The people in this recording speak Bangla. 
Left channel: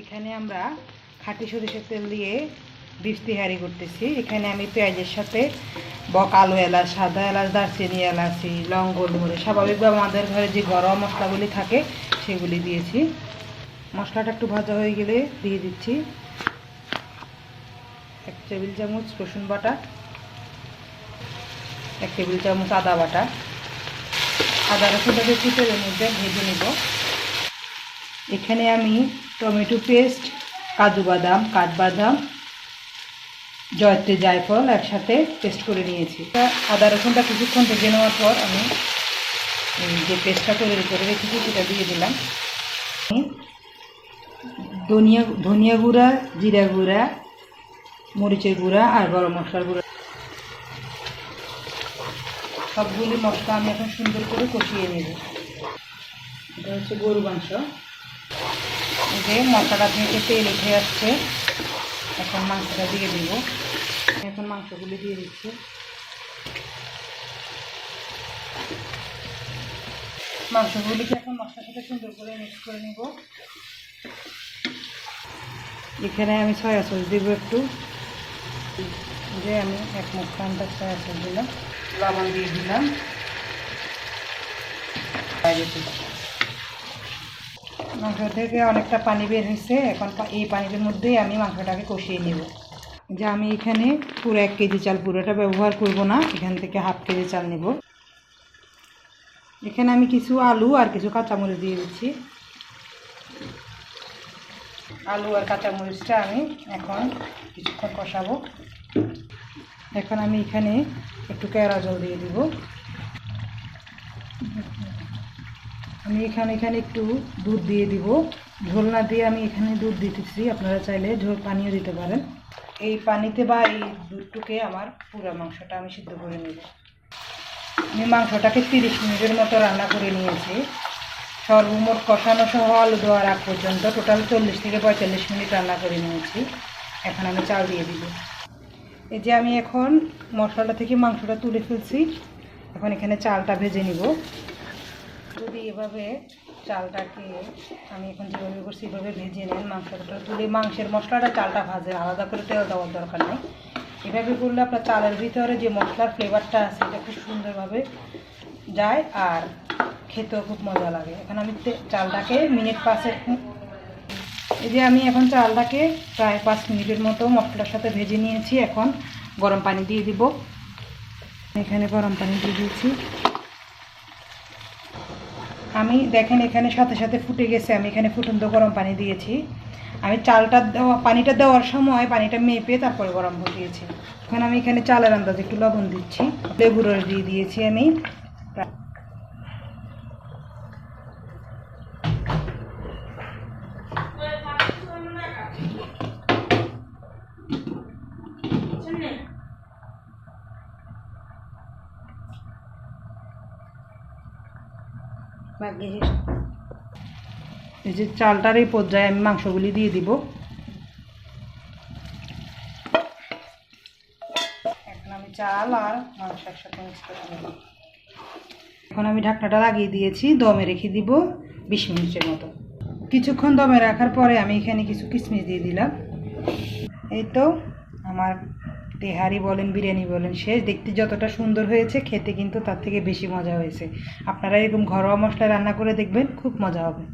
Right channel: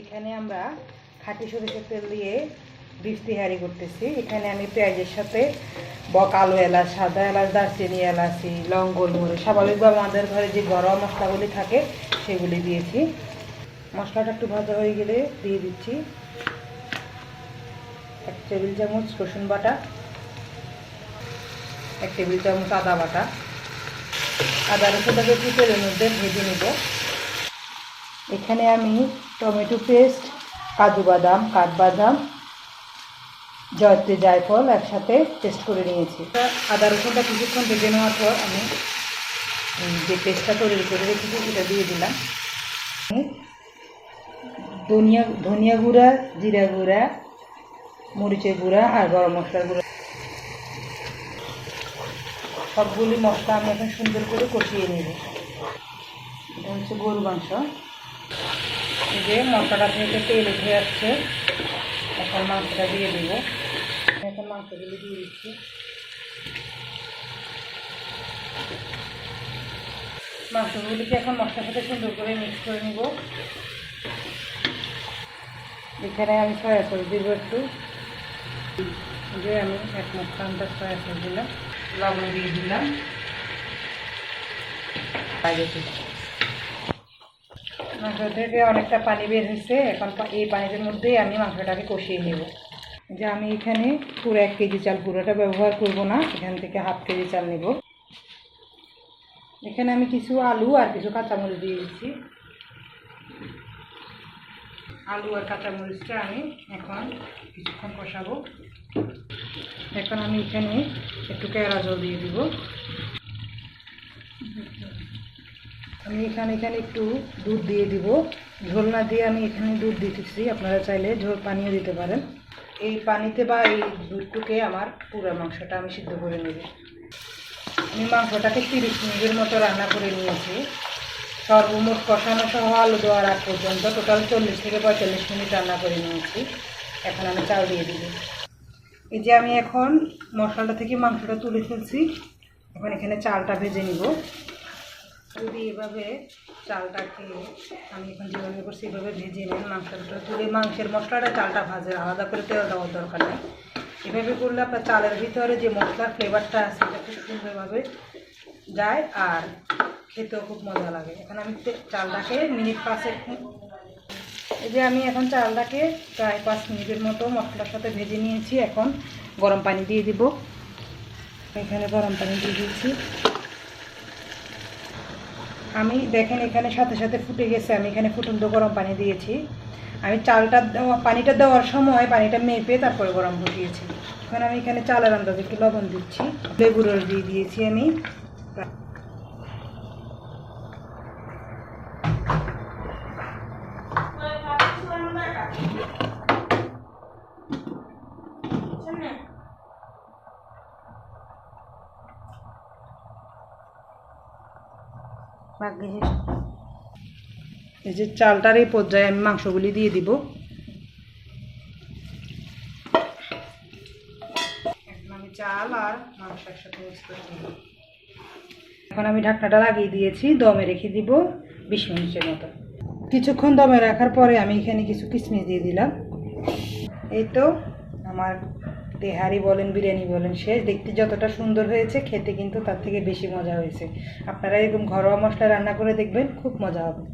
এখানে আমরা খাঁটি সরিষার তেল দিয়ে বিফ তেহারি করতেছি। এখানে আমি পেঁয়াজের সাথে কালো এলাচ, সাদা এলাচ, দারচিনি, এলাচি, লং, গোলমরিচ, স্বাভাবিকভাবে আমাদের ঘরে যে ঘরোয়া মশলাগুলি থাকে সেগুলি দিয়েছি। মশলাটা একটু ভাজা হয়ে গেলে দিয়ে দিচ্ছি 1 টেবিল চামচ রসুন বাটা, 1 টেবিল চামচ আদা বাটা। আদা রসুনটাকে একটু তেলের মধ্যে ভেজে নেব। এখানে আমি টমেটো পেস্ট, কাজু বাদাম, কাঠবাদাম, জয়ত্রী, জায়ফল একসাথে পেস্ট করে নিয়েছি। আদা রসুনটা কিছুক্ষণ ভেজে নেওয়ার পর আমি যে পেস্টটা করে রেখেছি সেটা দিয়ে দিলাম। ধনিয়া গুঁড়া, জিরা গুঁড়া, মরিচের গুঁড়া আর গরম মশলার গুঁড়া, সবগুলি মশলা আমি এখন সুন্দর করে কষিয়ে নেব। এটা হচ্ছে গরু মাংস। যে মশলাটা থেকে তেল উঠে যাচ্ছে, এখন মাংসটা দিয়ে দেব। এখন মাংসগুলি দিয়ে দিচ্ছি। মাংসগুলিকে এখন মশলার সাথে সুন্দর করে মিক্স করে নেব। এখানে আমি সয়া সস দেবো একটু, যে আমি 1 মুঠো আন্দাজ সয়া সস দিলাম, লবণ দিয়ে দিলাম। মাংস থেকে অনেকটা পানি বের হয়েছে। এখন এই পানির মধ্যেই আমি মাংসটাকে কষিয়ে নেব। যে আমি এখানে পুরো 1 কেজি চাল পুরোটা ব্যবহার করব না, এখান থেকে হাফ কেজি চাল নেব। এখানে আমি কিছু আলু আর কিছু কাঁচামরিচ দিয়ে দিচ্ছি। আলু আর কাঁচামরিচটা আমি এখন কিছুক্ষণ কষাবো। এখন আমি এখানে একটু কেওড়া জল দিয়ে দিব। আমি এখানে একটু দুধ দিয়ে দিব। ঝোল না দিয়ে আমি এখানে দুধ দিতেছি, আপনারা চাইলে ঝোল পানিও দিতে পারেন। এই পানিতে বা এই দুধটুকে আমার পুরো মাংসটা আমি সিদ্ধ করে নেব। আমি মাংসটাকে 30 মিনিটের মতো রান্না করে নিয়েছি। সর্বমোট কষানো সহ আলু দেওয়ার আগ পর্যন্ত টোটাল 40 থেকে 45 মিনিট রান্না করে নিয়েছি। এখন আমি চাল দিয়ে দিব। এই যে আমি এখন মশলাটা থেকে মাংসটা তুলে ফেলছি। এখন এখানে চালটা ভেজে নিব। যদি এভাবে চালটাকে আমি এখন যেভাবে করছি এভাবে ভেজে নেন, মাংসটা তুলে মাংসের মশলাটা চালটা ভাজে, আলাদা করে তেল দেওয়ার দরকার নেই। এভাবে করলে আপনার চালের ভিতরে যে মশলার ফ্লেভারটা আছে এটা খুব সুন্দরভাবে যায় আর খেতেও খুব মজা লাগে। এখন আমি চালটাকে মিনিট 5 এই যে আমি এখন চালটাকে প্রায় 5 মিনিটের মতো মশলার সাথে ভেজে নিয়েছি। এখন গরম পানি দিয়ে দিব। এখানে গরম পানি দিয়ে দিয়েছি। আমি দেখেন এখানে সাথে সাথে ফুটে গেছে। আমি এখানে ফুটন্ত গরম পানি দিয়েছি। আমি পানিটা দেওয়ার সময় পানিটা মেপে তারপরে গরম বসিয়েছি। এখন আমি এখানে চালের আন্দাজে একটু লবণ দিচ্ছি, লেবুর রস দিয়ে দিয়েছি আমি। এই যে চালটার এই পর্যায়ে আমি মাংসগুলি দিয়ে দিব। এখন আমি চাল আর মাংস একসাথে মিক্স করে নেব। এখন আমি ঢাকনাটা লাগিয়ে দিয়েছি, দমে রেখে দিব 20 মিনিটের মতো। কিছুক্ষণ দমে রাখার পরে আমি এখানে কিছু কিশমিশ দিয়ে দিলাম। এই তো আমার তেহারি বলেন, বিরিয়ানি বলেন শেষ। দেখতে যতটা সুন্দর হয়েছে, খেতে কিন্তু তার থেকে বেশি মজা হয়েছে। আপনারা এরকম ঘরোয়া মশলা রান্না করে দেখবেন, খুব মজা হবে।